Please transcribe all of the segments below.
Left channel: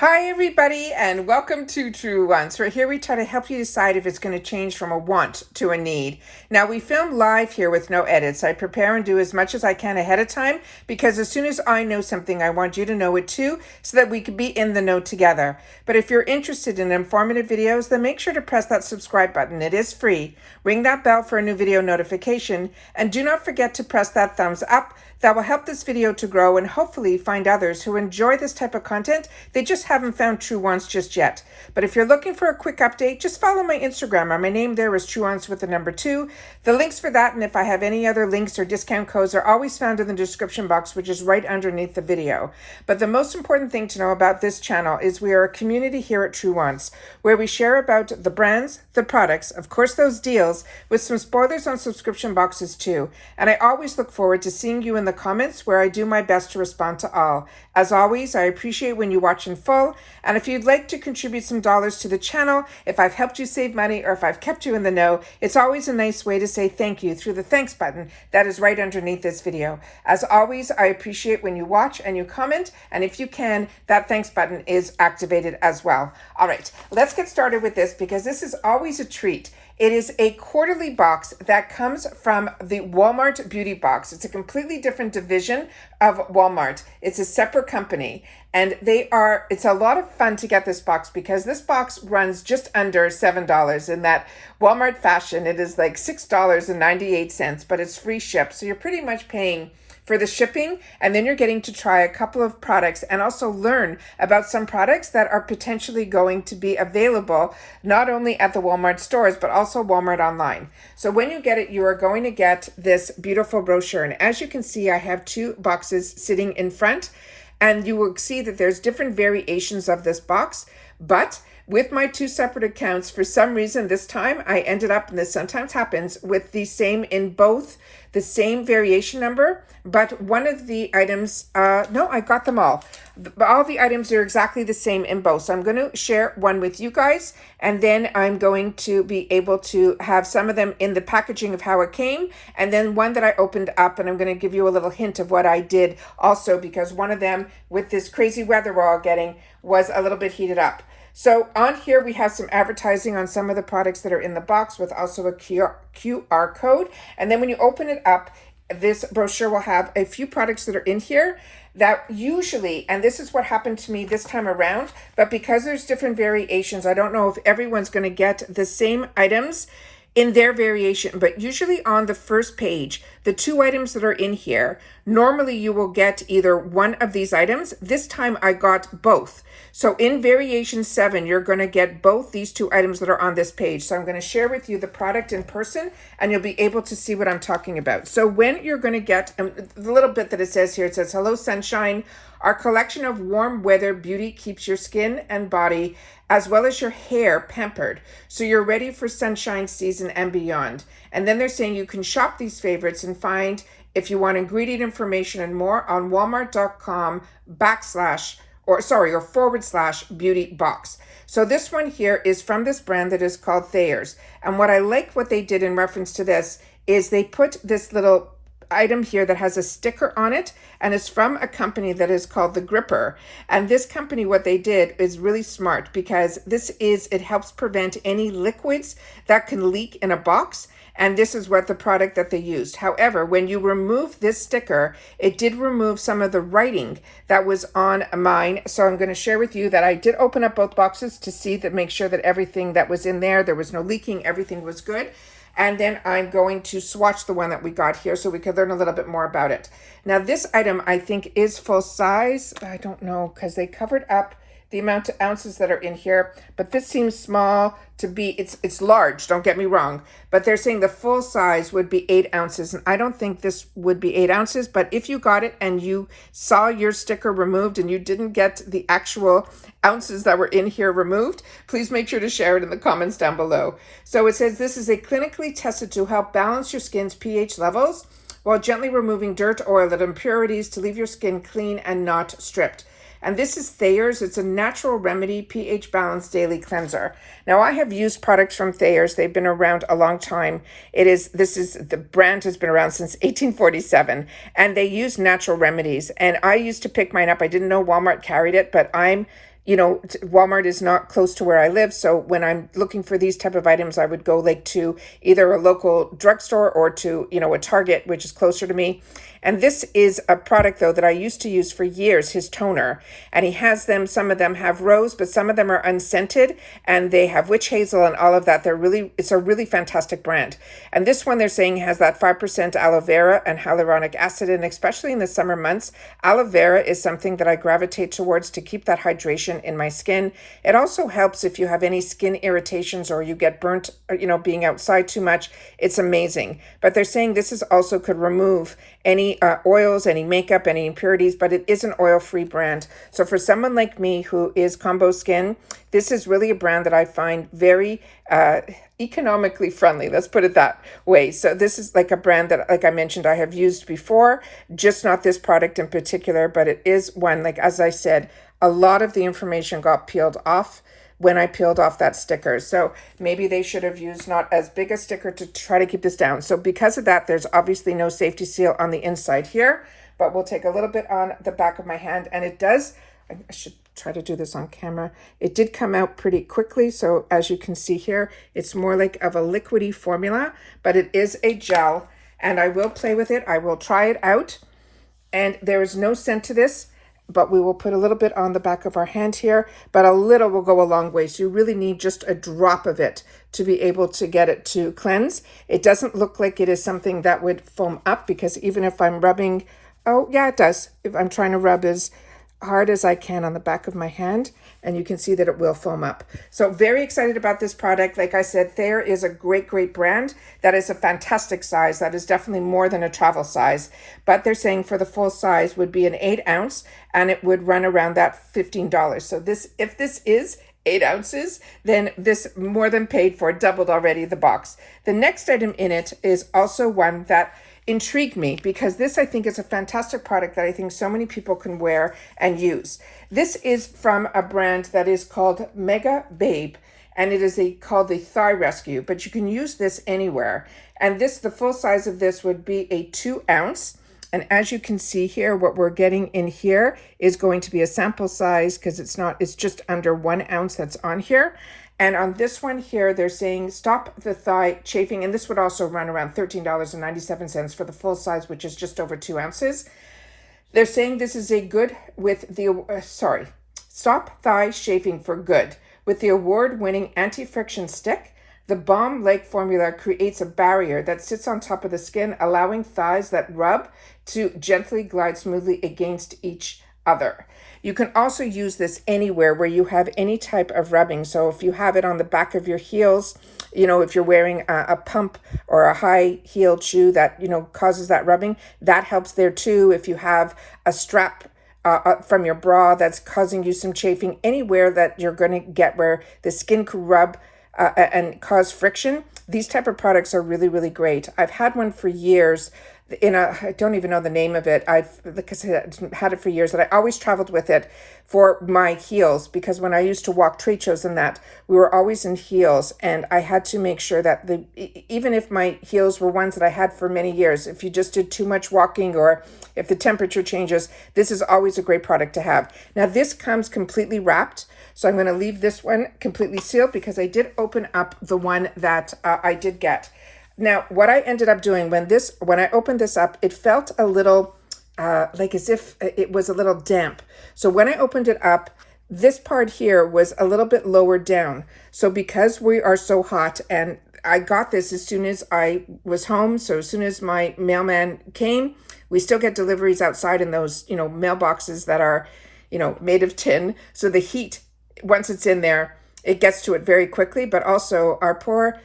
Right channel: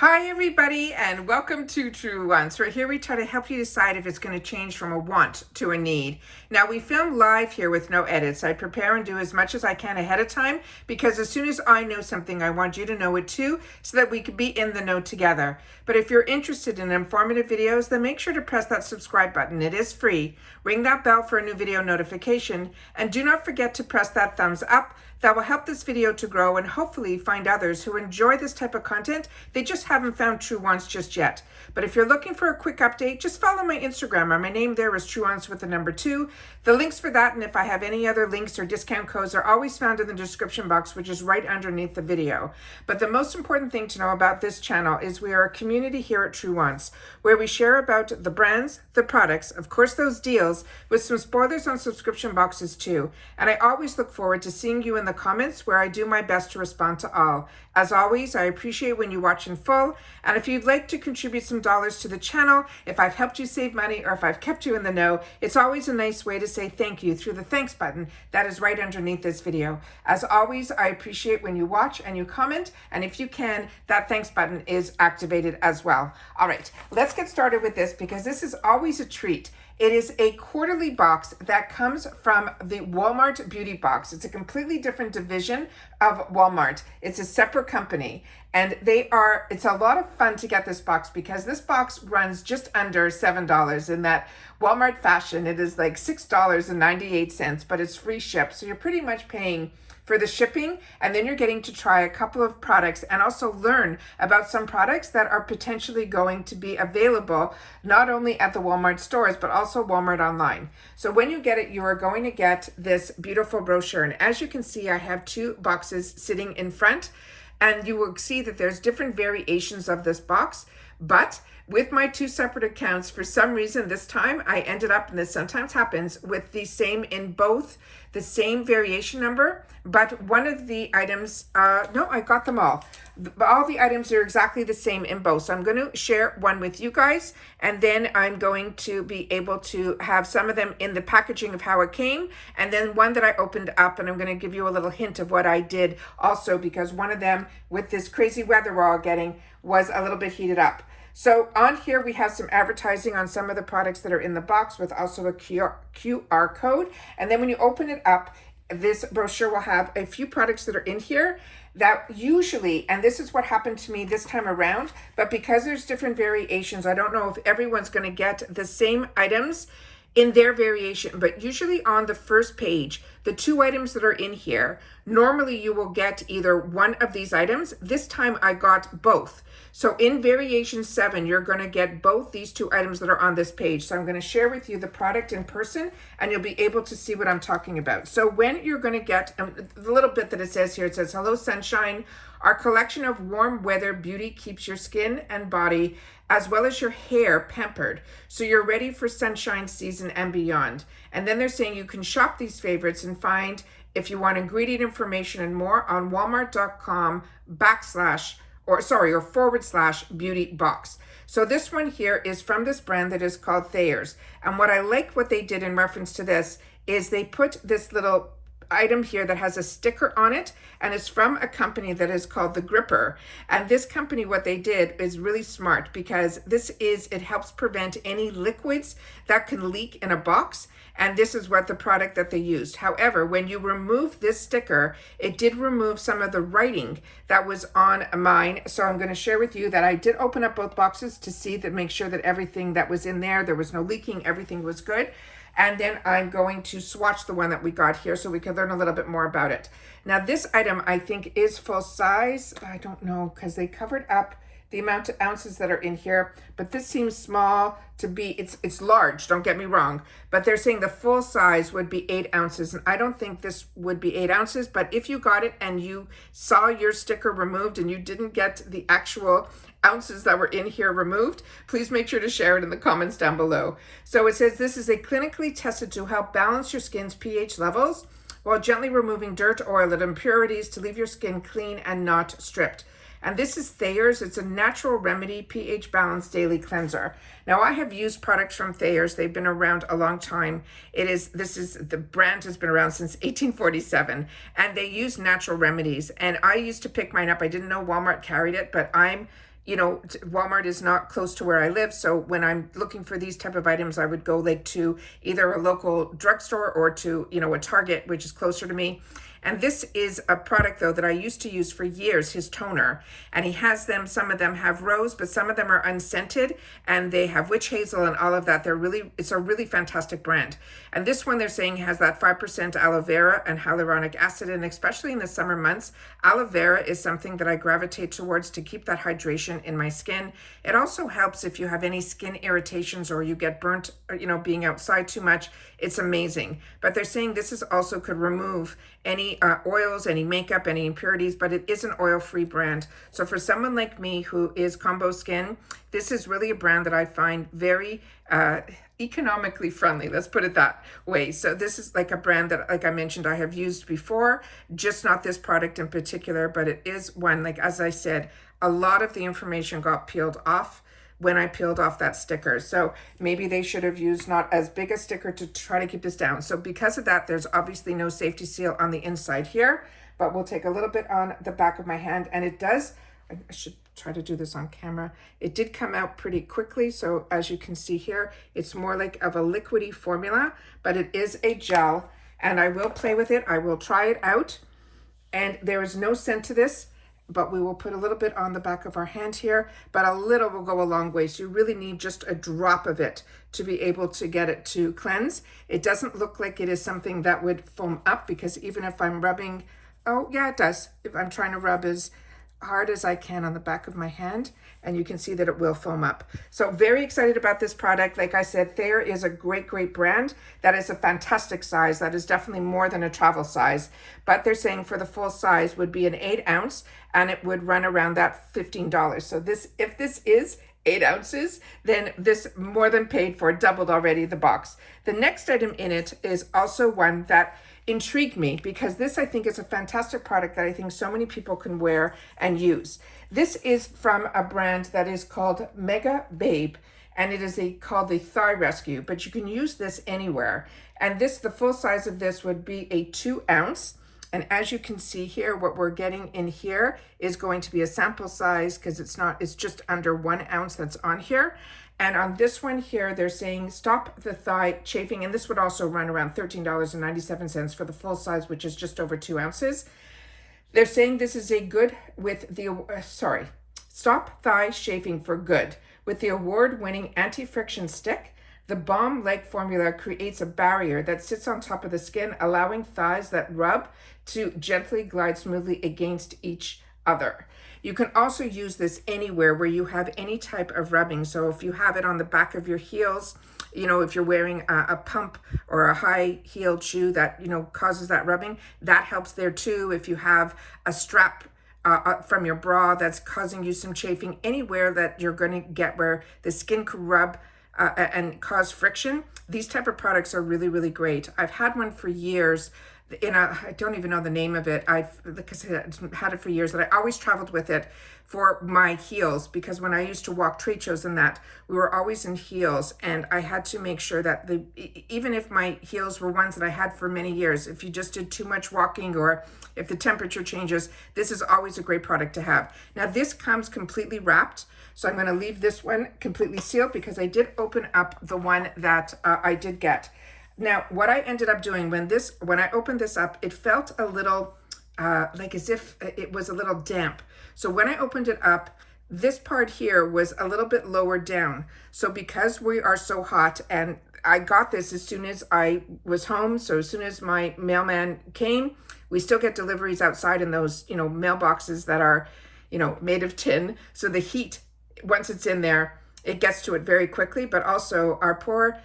Hi everybody and welcome to Truewants, where here we try to help you decide if it's going to change from a want to a need. Now we film live here with no edits. I prepare and do as much as I can ahead of time because as soon as I know something, I want you to know it too so that we can be in the know together. But if you're interested in informative videos, then make sure to press that subscribe button. It is free. Ring that bell for a new video notification and do not forget to press that thumbs up. That will help this video to grow and hopefully find others who enjoy this type of content. They just haven't found Truewants just yet. But if you're looking for a quick update, just follow my Instagram. My name there is Truewants with the number 2. The links for that, and if I have any other links or discount codes, are always found in the description box, which is right underneath the video. But the most important thing to know about this channel is we are a community here at Truewants, where we share about the brands, the products, of course those deals, with some spoilers on subscription boxes too. And I always look forward to seeing you in the comments, where I do my best to respond to all. As always, I appreciate when you watch in full, and if you'd like to contribute some dollars to the channel, if I've helped you save money or if I've kept you in the know, it's always a nice way to say thank you through the thanks button that is right underneath this video. As always, I appreciate when you watch and you comment, and if you can, that thanks button is activated as well. All right, let's get started with this because this is always a treat. It is a quarterly box that comes from the Walmart Beauty Box. It's a completely different division of Walmart. It's a separate company, and it's a lot of fun to get this box because this box runs just under $7 in that Walmart fashion. It is like $6.98, but it's free ship. So you're pretty much paying for the shipping, and then you're getting to try a couple of products and also learn about some products that are potentially going to be available not only at the Walmart stores but also Walmart online. So when you get it, you are going to get this beautiful brochure, and as you can see, I have 2 boxes sitting in front, and you will see that there's different variations of this box. But with my 2 separate accounts, for some reason this time I ended up, and this sometimes happens, with the same in both, the same variation number, but one of the items, no, I got them all. All the items are exactly the same in both. So I'm going to share one with you guys, and then I'm going to be able to have some of them in the packaging of how it came, and then one that I opened up, and I'm going to give you a little hint of what I did also, because one of them, with this crazy weather we're all getting, was a little bit heated up. So on here we have some advertising on some of the products that are in the box with also a QR code. And then when you open it up, this brochure will have a few products that are in here that usually, and this is what happened to me this time around, but because there's different variations, I don't know if everyone's going to get the same items in their variation, but usually on the first page, the 2 items that are in here, normally you will get either one of these items. This time I got both. So in variation 7, you're going to get both these 2 items that are on this page. So I'm going to share with you the product in person, and you'll be able to see what I'm talking about. So when you're going to get the little bit that it says here, it says, "Hello Sunshine. Our collection of warm weather beauty keeps your skin and body as well as your hair pampered, so you're ready for sunshine season and beyond." And then they're saying you can shop these favorites and find, if you want ingredient information and more, on walmart.com/beauty box. So this one here is from this brand that is called Thayers. And what I like what they did in reference to this is they put this little item here that has a sticker on it, and it's from a company that is called The Gripper. And this company, what they did is really smart, because it helps prevent any liquids that can leak in a box. And this is what the product that they used. However, when you remove this sticker, it did remove some of the writing that was on mine. So I'm going to share with you that I did open up both boxes to see, that make sure that everything that was in there was no leaking, everything was good. And then I'm going to swatch the one that we got here so we can learn a little bit more about it. Now this item I think is full size. I don't know, because they covered up the amount of ounces that are in here, but this seems small to be, it's large, don't get me wrong, but they're saying the full size would be 8 ounces, and I don't think this would be 8 ounces, but if you got it and you saw your sticker removed and you didn't get the actual ounces that were in here removed, please make sure to share it in the comments down below. So it says this is a clinically tested to help balance your skin's pH levels while gently removing dirt, oil, and impurities to leave your skin clean and not stripped. And this is Thayers. It's a natural remedy pH balanced daily cleanser. Now I have used products from Thayers. They've been around a long time. The brand has been around since 1847, and they use natural remedies. And I used to pick mine up. I didn't know Walmart carried it, but I'm Walmart is not close to where I live. So when I'm looking for these type of items, I would go like to either a local drugstore or to, a Target, which is closer to me. And this is a product though that I used to use for years, his toner. And he has them, some of them have rose, but some of them are unscented and they have witch hazel and all of that. It's a really fantastic brand. And this one they're saying has that 5% aloe vera and hyaluronic acid. And especially in the summer months, aloe vera is something that I gravitate towards to keep that hydration in my skin. It also helps if you have any skin irritations or you get burnt, being outside too much. It's amazing. But they're saying this is also could remove any oils, any makeup, any impurities, but it is an oil-free brand. So for someone like me who is combo skin, this is really a brand that I find very economically friendly. Let's put it that way. So this is like a brand that, like I mentioned, I have used before, just not this product in particular, but it is one, like, as I said, a lot of the information got peeled off when I peeled off that sticker. So maybe they should have used not as big a sticker to try to keep this down. So because of that, there's obviously no safety seal on the inside here, but we'll take a little bit on the back of my hand. And it does, I should try to do this on camera. It did come out pretty quickly. So as you can see here, it's more like of a liquidy formula, but it is a gel and I will play with it. I will try it out and there is no scent to this, but we will put a little bit on the back of our hand here, but a little will go a long way. So you really need just a drop of it to be able to get it to cleanse. It doesn't look like it is something that would foam up because even if I'm rubbing, oh yeah, it does. If I'm trying to rub as hard as I can on the back of my hand, and you can see that it will foam up. So very excited about this product. Like I said, Thayer is a great brand. That is a fantastic size. That is definitely more than a travel size, but they're saying for the full size would be an 8 ounce and it would run around that $15. So if this is 8 ounces, then this more than paid for, doubled already the box. The next item in it is also one that intrigued me because this I think is a fantastic product that I think so many people can wear and use. This is from a brand that is called Mega Babe and it is called the Thigh Rescue, but you can use this anywhere. And the full size of this would be a 2 ounce. And as you can see here, what we're getting in here is going to be a sample size because it's just under 1 ounce that's on here. And on this one here, they're saying stop the thigh chafing. And this would also run around $13.97 for the full size, which is just over 2 ounces. They're saying this is a good with the, stop thigh chafing for good. With the award-winning anti-friction stick, the Balm Leg formula creates a barrier that sits on top of the skin, allowing thighs that rub to gently glide smoothly against each other. You can also use this anywhere where you have any type of rubbing. So if you have it on the back of your heels, if you're wearing a pump or a high-heeled shoe that, causes that rubbing, that helps there too. If you have a strap from your bra that's causing you some chafing, anywhere that you're going to get where the skin could rub and cause friction, these type of products are really great. I've had one for years I don't even know the name of it. I've had it for years, and I always traveled with it for my heels because when I used to walk trade shows and that, we were always in heels, and I had to make sure that even if my heels were ones that I had for many years, if you just did too much walking or if the temperature changes, this is always a great product to have. Now this comes completely wrapped, so I'm going to leave this one completely sealed because I did open up the one that I did get. Now, what I ended up doing when I opened this up, it felt a little like as if it was a little damp. So when I opened it up, this part here was a little bit lower down. So because we are so hot, and I got this as soon as I was home, so as soon as my mailman came, we still get deliveries outside in those, mailboxes that are, made of tin. So the heat, once it's in there, it gets to it very quickly, but also our poor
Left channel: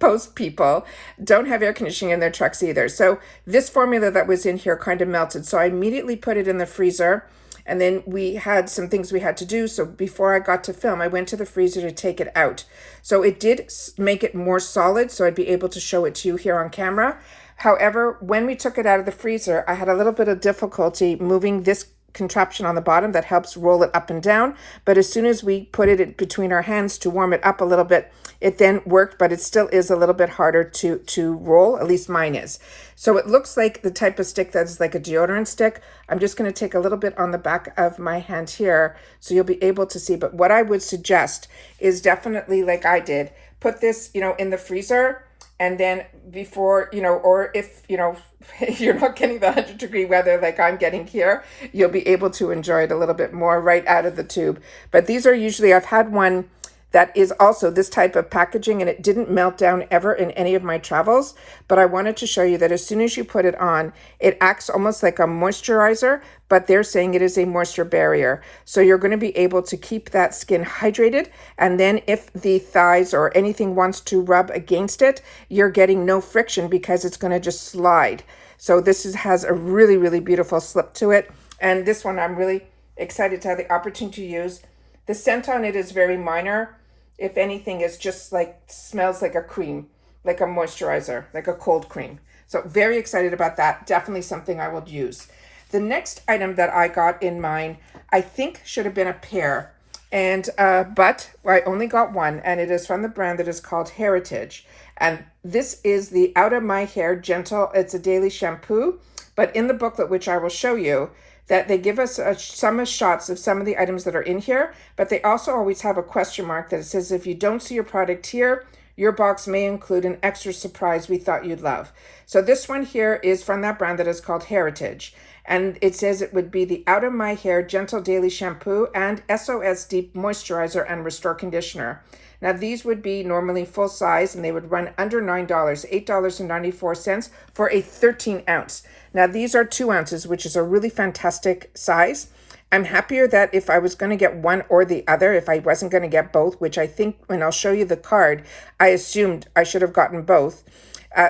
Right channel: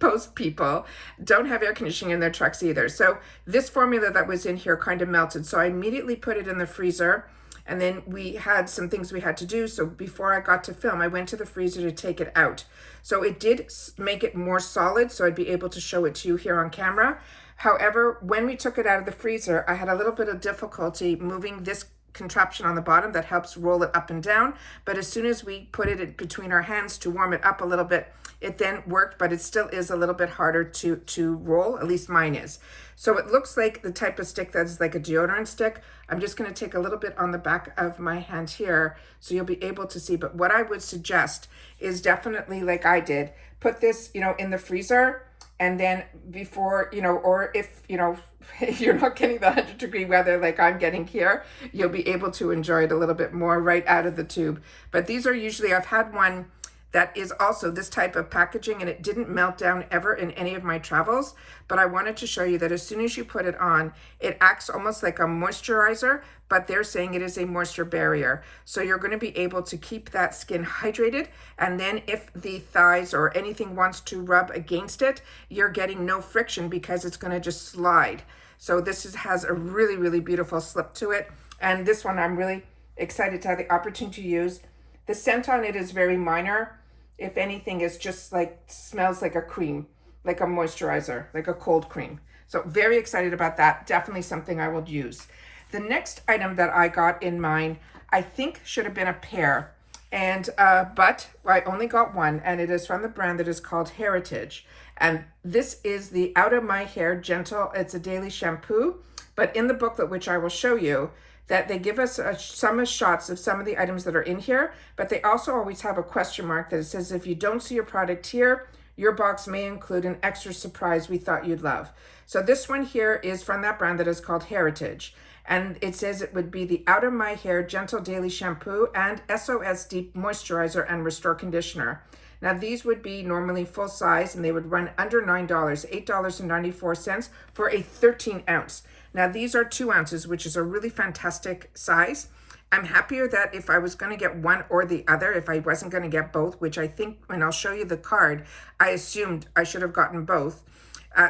post people don't have air conditioning in their trucks either. So this formula that was in here kind of melted. So I immediately put it in the freezer, and then we had some things we had to do. So before I got to film, I went to the freezer to take it out. So it did make it more solid, so I'd be able to show it to you here on camera. However, when we took it out of the freezer, I had a little bit of difficulty moving this contraption on the bottom that helps roll it up and down. But as soon as we put it between our hands to warm it up a little bit, it then worked, but it still is a little bit harder to roll. At least mine is. So it looks like the type of stick that is like a deodorant stick. I'm just going to take a little bit on the back of my hand here so you'll be able to see. But what I would suggest is definitely, like I did, put this, in the freezer. And then before, or if, if you're not getting the 100-degree weather like I'm getting here, you'll be able to enjoy it a little bit more right out of the tube. But these are usually, I've had one that is also this type of packaging, and it didn't melt down ever in any of my travels. But I wanted to show you that as soon as you put it on, it acts almost like a moisturizer, but they're saying it is a moisture barrier. So you're going to be able to keep that skin hydrated. And then if the thighs or anything wants to rub against it, you're getting no friction because it's going to just slide. So has a really, really beautiful slip to it. And this one I'm really excited to have the opportunity to use. The scent on it is very minor. If anything, it's just smells like a cream, like a moisturizer, like a cold cream. So very excited about that. Definitely something I will use. The next item that I got in mine, I think should have been a pair. But I only got one, and it is from the brand that is called Heritage. And this is the Out of My Hair Gentle. It's a daily shampoo. But in the booklet, which I will show you, that they give us some shots of some of the items that are in here, but they also always have a question mark that it says, if you don't see your product here, your box may include an extra surprise we thought you'd love. So this one here is from that brand that is called Heritage. And it says it would be the Out of My Hair Gentle Daily Shampoo and SOS Deep Moisturizer and Restore Conditioner. Now these would be normally full size, and they would run under $9, $8.94 for a 13 ounce. Now these are 2 ounces, which is a really fantastic size. I'm happier that if I was going to get one or the other, if I wasn't going to get both, which I think when I'll show you the card, I assumed I should have gotten both.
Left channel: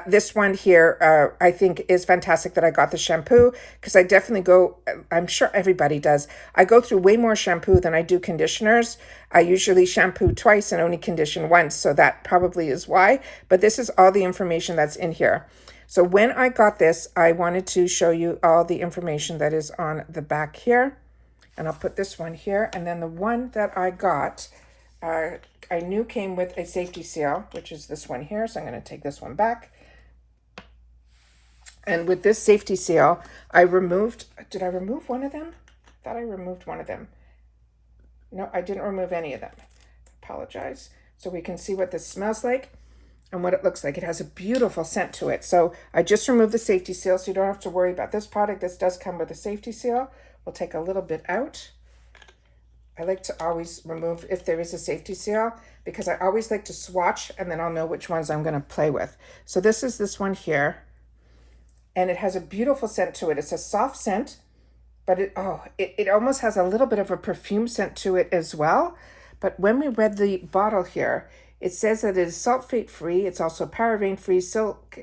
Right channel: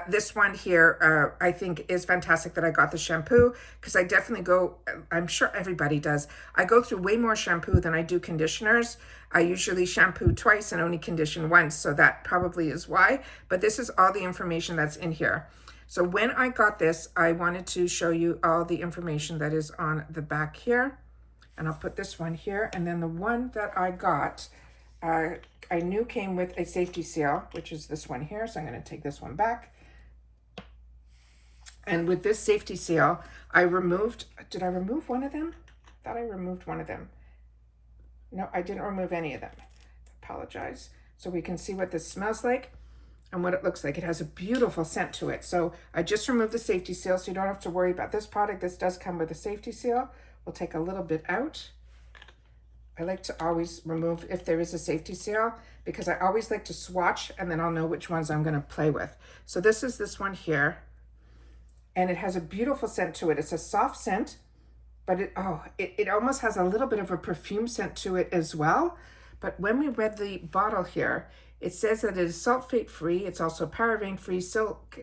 This one here, I think is fantastic that I got the shampoo, because I definitely I'm sure everybody does. I go through way more shampoo than I do conditioners. I usually shampoo twice and only condition once, so that probably is why. But this is all the information that's in here. So when I got this, I wanted to show you all the information that is on the back here. And I'll put this one here. And then the one that I got, I knew came with a safety seal, which is this one here. So I'm going to take this one back. And with this safety seal, did I remove one of them? I thought I removed one of them. No, I didn't remove any of them. Apologize. So we can see what this smells like and what it looks like. It has a beautiful scent to it. So I just removed the safety seal, so you don't have to worry about this product. This does come with a safety seal. We'll take a little bit out. I like to always remove if there is a safety seal, because I always like to swatch, and then I'll know which ones I'm going to play with. So this is this one here, and it has a beautiful scent to it. It's a soft scent, but it almost has a little bit of a perfume scent to it as well. But when we read the bottle here, it says that it is sulfate-free. It's also paraben-free,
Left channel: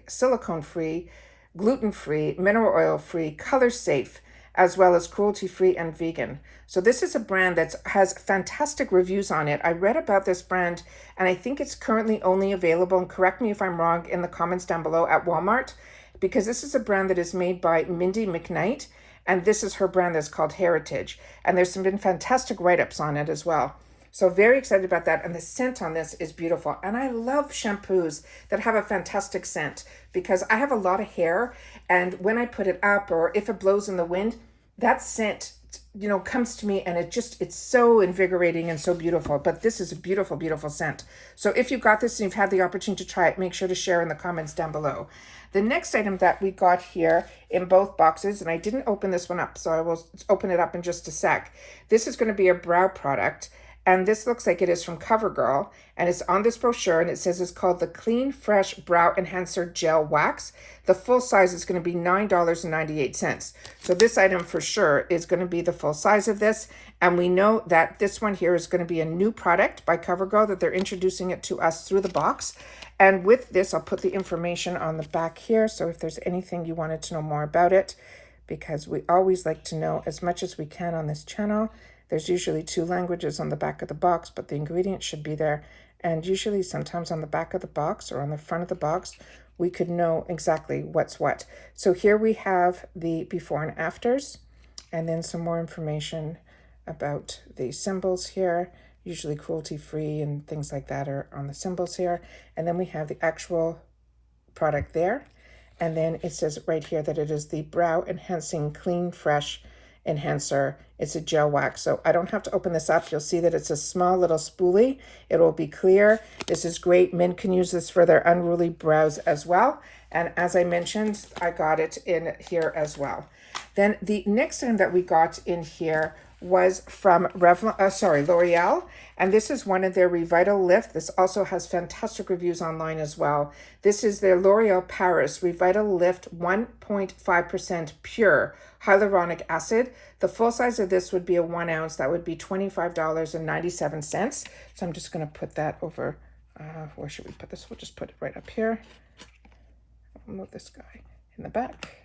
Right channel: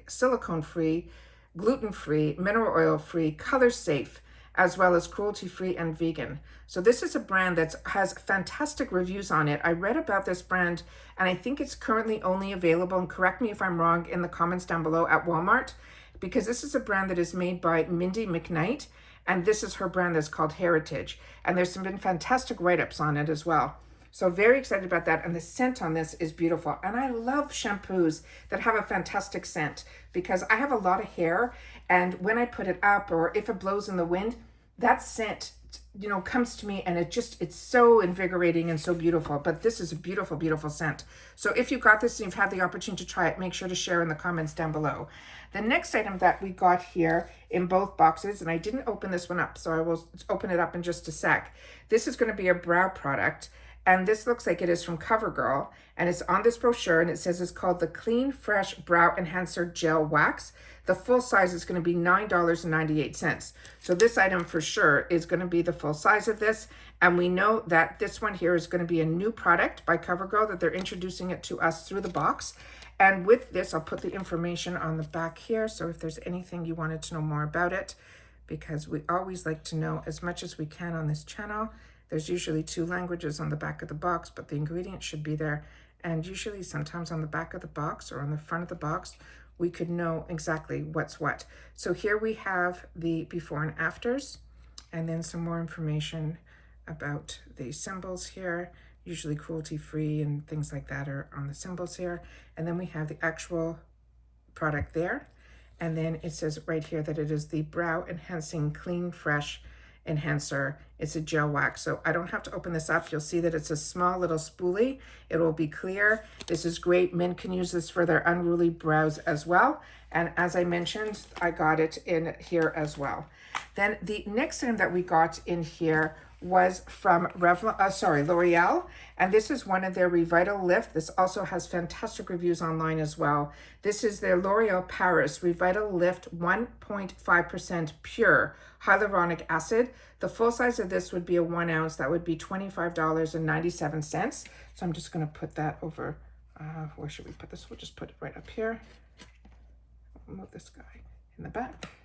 silicone-free, gluten-free, mineral oil-free, color-safe, as well as cruelty-free and vegan. So this is a brand that has fantastic reviews on it. I read about this brand, and I think it's currently only available, and correct me if I'm wrong in the comments down below, at Walmart, because this is a brand that is made by Mindy McKnight, and this is her brand that's called Heritage. And there's been fantastic write-ups on it as well. So very excited about that. And the scent on this is beautiful. And I love shampoos that have a fantastic scent, because I have a lot of hair, and when I put it up, or if it blows in the wind, that scent, comes to me, and it's so invigorating and so beautiful. But this is a beautiful, beautiful scent. So if you got this and you've had the opportunity to try it, make sure to share in the comments down below. The next item that we got here in both boxes, and I didn't open this one up, so I will open it up in just a sec. This is going to be a brow product. And this looks like it is from CoverGirl, and it's on this brochure, and it says it's called the Clean Fresh Brow Enhancer Gel Wax. The full size is going to be $9.98. So this item for sure is going to be the full size of this. And we know that this one here is going to be a new product by CoverGirl, that they're introducing it to us through the box. And with this, I'll put the information on the back here. So if there's anything you wanted to know more about it, because we always like to know as much as we can on this channel. There's usually 2 languages on the back of the box, but the ingredients should be there. And usually sometimes on the back of the box or on the front of the box, we could know exactly what's what. So here we have the before and afters. and then some more information about the symbols here. Usually cruelty-free and things like that are on the symbols here. And then we have the actual product there. And then it says right here that it is the Brow Enhancing Clean Fresh Enhancer. It's a gel wax. So I don't have to open this up. You'll see that it's a small little spoolie. It will be clear. This is great. Men can use this for their unruly brows as well. And as I mentioned, I got it in here as well. Then the next thing that we got in here was from L'Oreal, and this is one of their Revital Lift. This also has fantastic reviews online as well. This is their L'Oreal Paris Revital Lift 1.5% pure hyaluronic acid. The full size of this would be a 1 ounce. That would be $25.97. So I'm just going to put that over. Where should we put this? We'll just put it right up here. I'll move this guy in the back.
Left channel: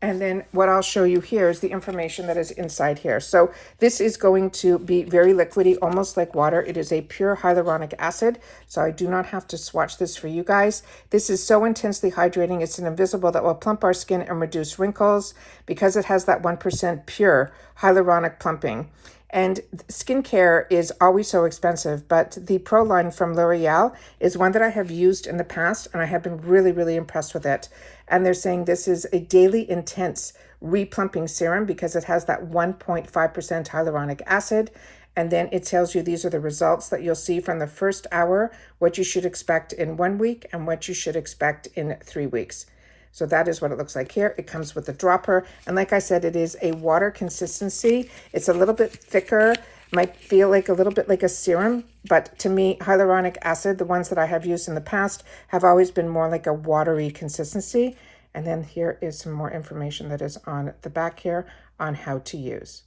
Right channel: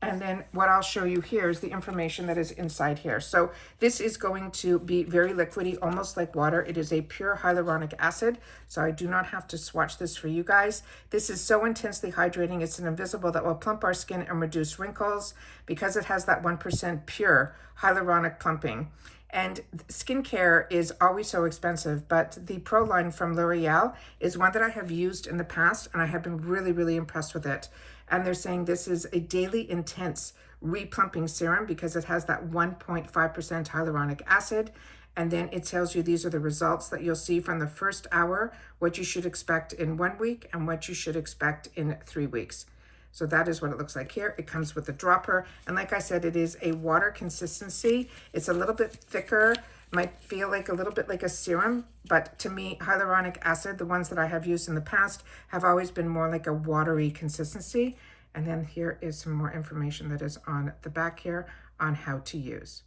And then what I'll show you here is the information that is inside here. So this is going to be very liquidy, almost like water. It is a pure hyaluronic acid, so I do not have to swatch this for you guys. This is so intensely hydrating. It's an invisible that will plump our skin and reduce wrinkles because it has that 1% pure hyaluronic plumping. And skincare is always so expensive, but the Pro line from L'Oreal is one that I have used in the past, and I have been really, really impressed with it. And they're saying this is a daily intense replumping serum because it has that 1.5% hyaluronic acid. And then it tells you these are the results that you'll see from the first hour, what you should expect in 1 week and what you should expect in 3 weeks. So that is what it looks like here. It comes with a dropper. And like I said, it is a water consistency. It's a little bit thicker, might feel like a little bit like a serum, but to me, hyaluronic acid, the ones that I have used in the past, have always been more like a watery consistency. And then here is some more information that is on the back here on how to use.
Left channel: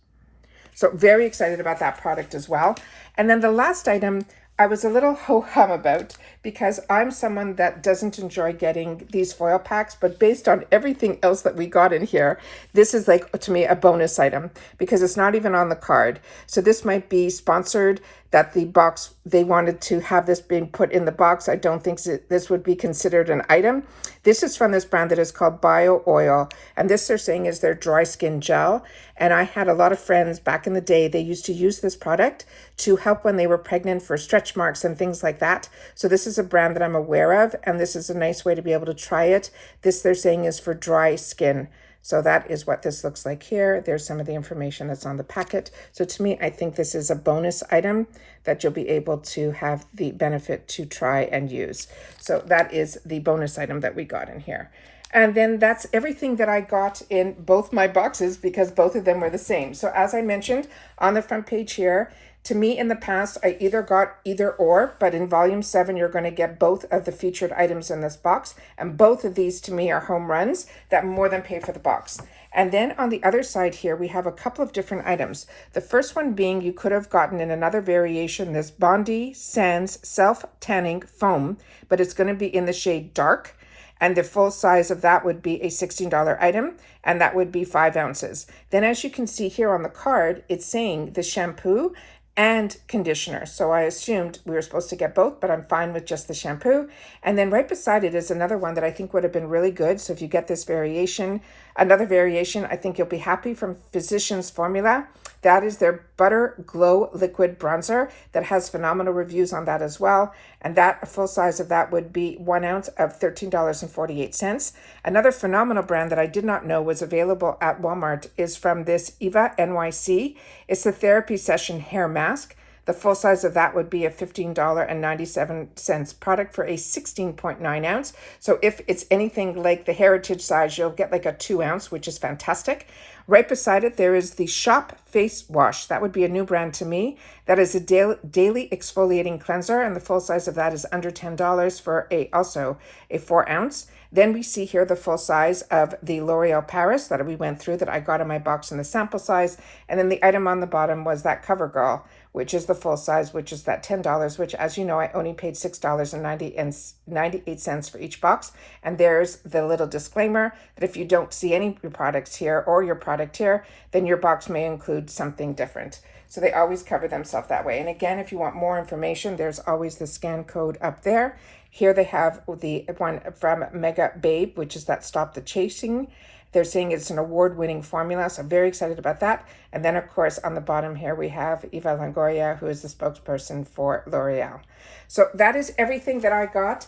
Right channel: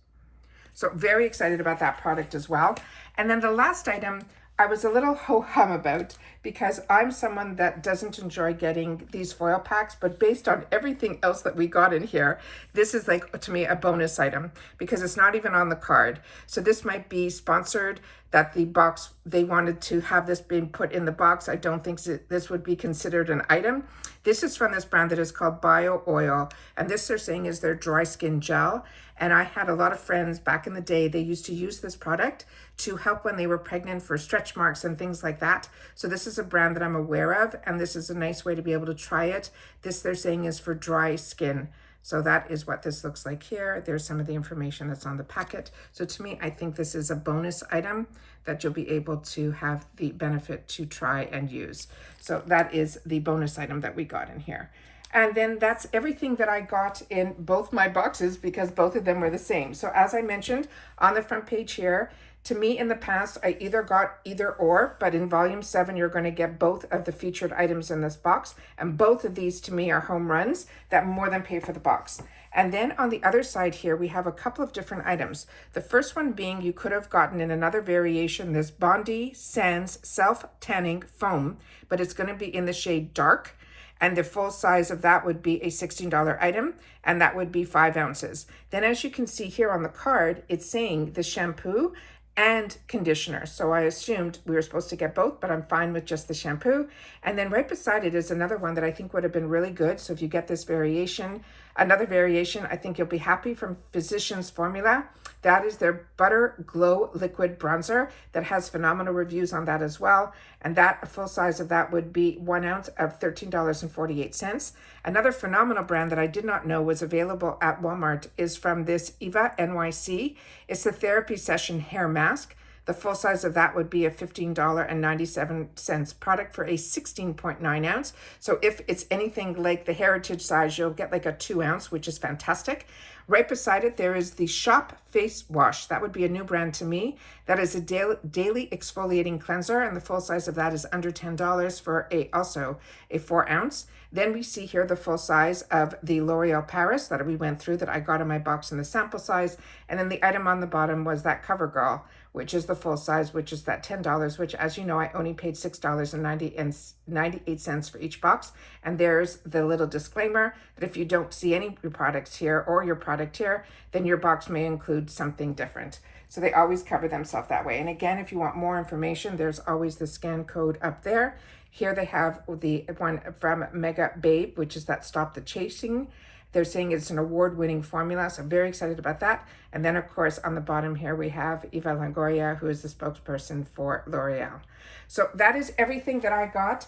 So very excited about that product as well. And then the last item I was a little ho-hum about because I'm someone that doesn't enjoy getting these foil packs, but based on everything else that we got in here, this is like, to me, a bonus item because it's not even on the card. So this might be sponsored, that the box, they wanted to have this being put in the box. I don't think this would be considered an item. This is from this brand that is called Bio Oil, and this they're saying is their dry skin gel. And I had a lot of friends back in the day, they used to use this product to help when they were pregnant for stretch marks and things like that. So this is a brand that I'm aware of, and this is a nice way to be able to try it. This they're saying is for dry skin. So that is what this looks like here. There's some of the information that's on the packet. So to me, I think this is a bonus item that you'll be able to have the benefit to try and use. So that is the bonus item that we got in here. And then that's everything that I got in both my boxes because both of them were the same. So as I mentioned on the front page here, to me in the past, I either got either or, but in volume 7, you're going to get both of the featured items in this box. And both of these to me are home runs that more than pay for the box. And then on the other side here, we have a couple of different items. The first one being you could have gotten in another variation, this Bondi Sands Self-Tanning Foam, but it's going to be in the shade dark. And the full size of that would be a $16 item, and that would be 5 ounces. Then as you can see here on the card, it's saying the shampoo and conditioner. So I assumed we were supposed to get both, but I'm fine with just the shampoo. And then right beside it is another one that I think would have been really good. So if you get this variation, another variation, I think you'll be happy, from Physicians Formula. That is their Butter Glow Liquid Bronzer that has phenomenal reviews on that as well. And that full size of that would be 1 ounce of $13.48. Another phenomenal brand that I did not know was available at Walmart is from this Eva NYC. It's the Therapy Session Hair Mask. The full size of that would be a $15.97 product for a 16.9 ounce. So if it's anything like the Heritage size, you'll get like a 2 ounce, which is fantastic. Right beside it, there is the Shop Face Wash. That would be a new brand to me. That is a daily exfoliating cleanser, and the full size of that is under $10 for also a 4 ounce. Then we see here the full size of the L'Oreal Paris that we went through that I got in my box in the sample size. And then the item on the bottom was that CoverGirl, which is the full size, which is that $10, which, as you know, I only paid $6.98 for each box. And there's the little disclaimer that if you don't see any products here or your product here, then your box may include something different. So they always cover themselves that way. And again, if you want more information, there's always the scan code up there. Here they have the one from Mega Babe, which is that Stop the Chasing. They're saying it's an award-winning formula, so I'm very excited about that. And then, of course, on the bottom here, we have Eva Longoria, who is the spokesperson for L'Oreal. So that is everything that I got.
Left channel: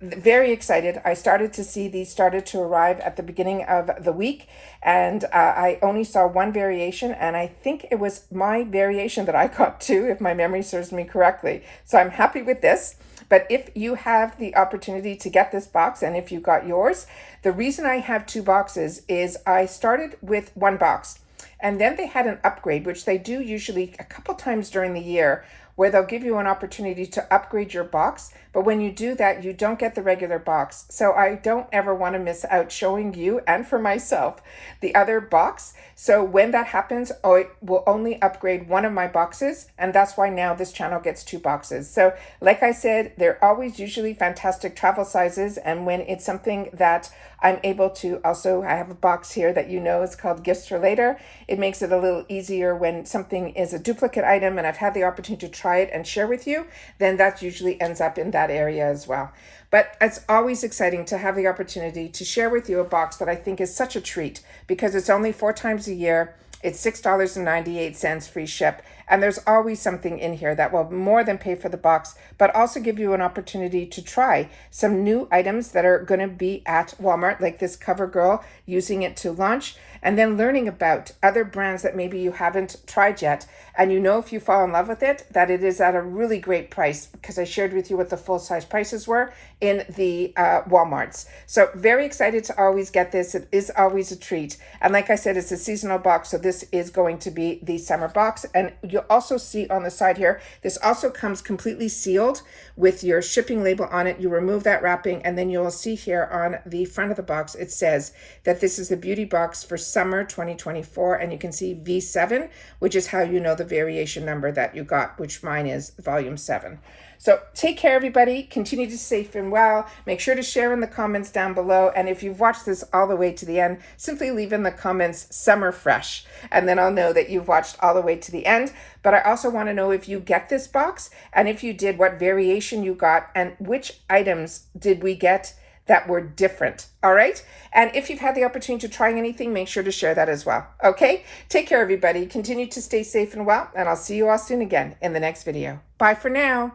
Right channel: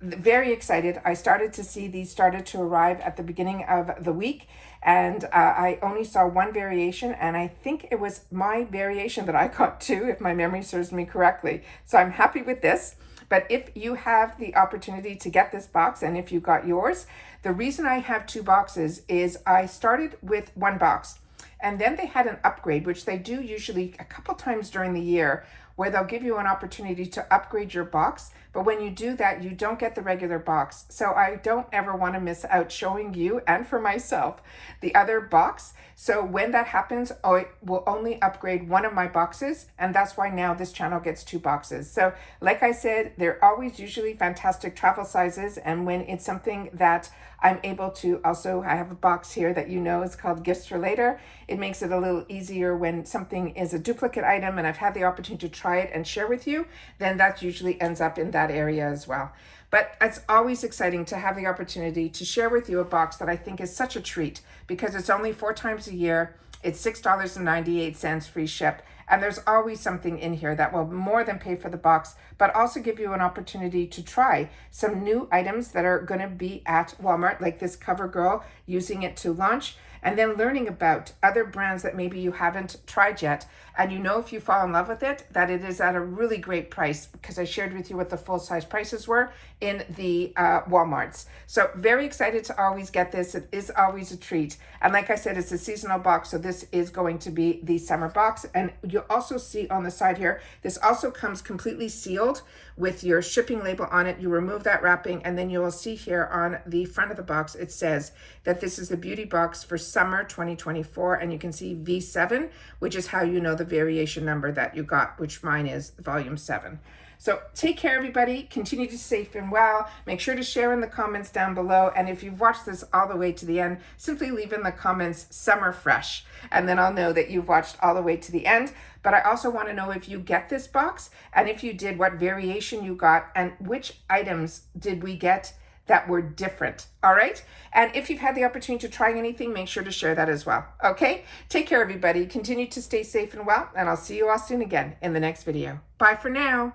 Very excited. I started to see these started to arrive at the beginning of the week, and I only saw one variation, and I think it was my variation that I got too, if my memory serves me correctly. So I'm happy with this. But if you have the opportunity to get this box, and if you got yours, the reason I have 2 boxes is I started with 1 box, and then they had an upgrade, which they do usually a couple times during the year, where they'll give you an opportunity to upgrade your box. But when you do that, you don't get the regular box. So I don't ever want to miss out showing you and for myself the other box. So when that happens, I will only upgrade one of my boxes. And that's why now this channel gets 2 boxes. So like I said, they're always usually fantastic travel sizes. And when it's something that I'm able to also, I have a box here that you know is called Gifts for Later. It makes it a little easier when something is a duplicate item and I've had the opportunity to try it and share with you, then that usually ends up in that area as well. But it's always exciting to have the opportunity to share with you a box that I think is such a treat, because it's only 4 times a year. It's $6.98 free ship. And there's always something in here that will more than pay for the box, but also give you an opportunity to try some new items that are going to be at Walmart, like this CoverGirl, using it to launch, and then learning about other brands that maybe you haven't tried yet. And you know, if you fall in love with it, that it is at a really great price, because I shared with you what the full size prices were in the Walmarts. So very excited to always get this. It is always a treat. And like I said, it's a seasonal box, so this is going to be the summer box. And you'll also see on the side here, this also comes completely sealed with your shipping label on it. You remove that wrapping, and then you'll see here on the front of the box, it says that this is the beauty box for summer 2024, and you can see V7, which is how you know the variation number that you got, which mine is volume 7. So take care, everybody. Continue to stay safe and well. Make sure to share in the comments down below. And if you've watched this all the way to the end, simply leave in the comments summer fresh. And then I'll know that you've watched all the way to the end. But I also want to know if you get this box, and if you did, what variation you got, and which items did we get that were different. All right. And if you've had the opportunity to try anything, make sure to share that as well. Okay. Take care, everybody. Continue to stay safe and well. And I'll see you all soon again in the next video. Bye for now.